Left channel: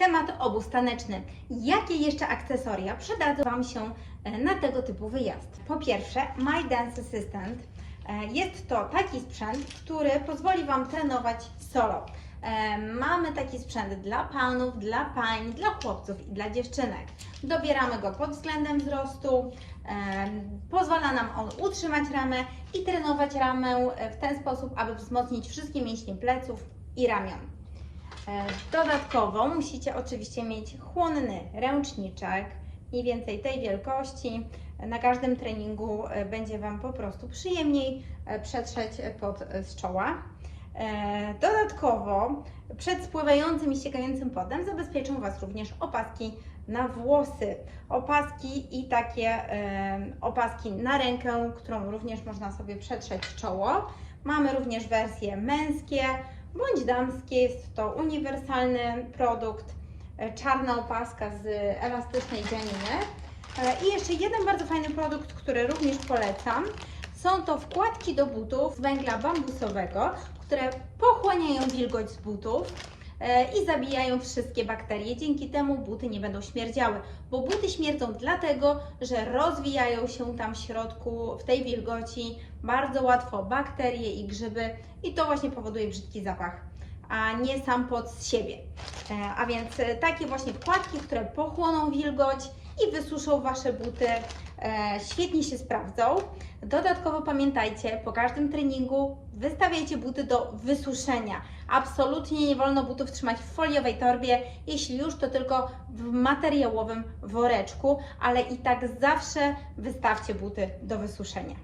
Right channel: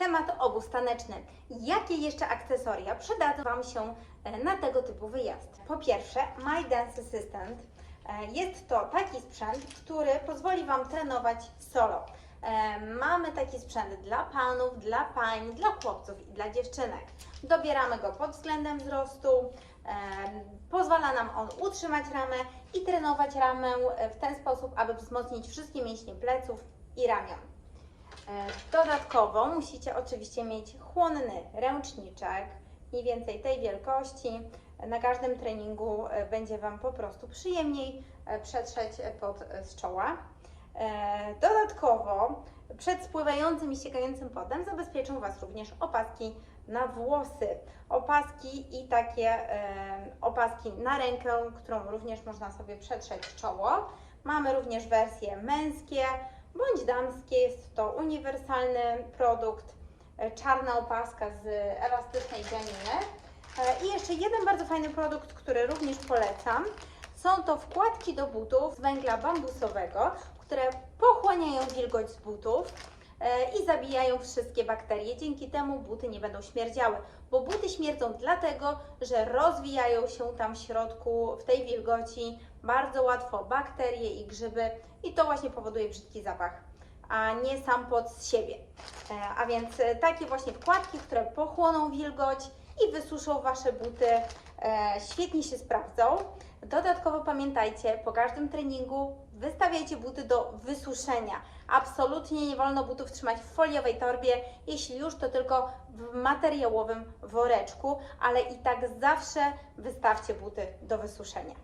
temat obóz taneczny. Jakie jeszcze akcesoria przydadzą Wam się e, na tego typu wyjazd? Po pierwsze, My Dance Assistant. E, Jest to taki sprzęt, który pozwoli Wam trenować solo. E, Mamy taki sprzęt dla panów, dla pań, dla chłopców i dla dziewczynek. Dobieramy go pod względem wzrostu. Pozwala nam on utrzymać ramę i trenować ramę w ten sposób, aby wzmocnić wszystkie mięśnie pleców i ramion. E, Dodatkowo musicie oczywiście mieć chłonny ręczniczek, mniej więcej tej wielkości. Na każdym treningu e, będzie Wam po prostu przyjemniej e, przetrzeć pod z czoła. Dodatkowo przed spływającym i ściekającym potem zabezpieczą Was również opaski na włosy. Opaski i takie opaski na rękę, którą również można sobie przetrzeć czoło. Mamy również wersje męskie bądź damskie. Jest to uniwersalny produkt. e, Czarna opaska z elastycznej dzianiny. E, I jeszcze jeden bardzo fajny produkt, który również polecam. Są to wkładki do butów z węgla bambusowego, które pochłaniają wilgoć z butów i zabijają wszystkie bakterie. Dzięki temu buty nie będą śmierdziały, bo buty śmierdzą dlatego, że rozwijają się tam w środku, w tej wilgoci bardzo łatwo bakterie i grzyby i to właśnie powoduje brzydki zapach, a nie sam pod z siebie. E, A więc e, takie właśnie wkładki, które pochłoną wilgoć i wysuszą Wasze buty, e, świetnie się sprawdzą. Dodatkowo pamiętajcie, po każdym treningu wystawiajcie buty do wysuszenia. Absolutnie nie wolno butów trzymać w foliowej torbie, jeśli już to tylko w materiałowym woreczku, ale i tak zawsze wystawcie buty do wysuszenia.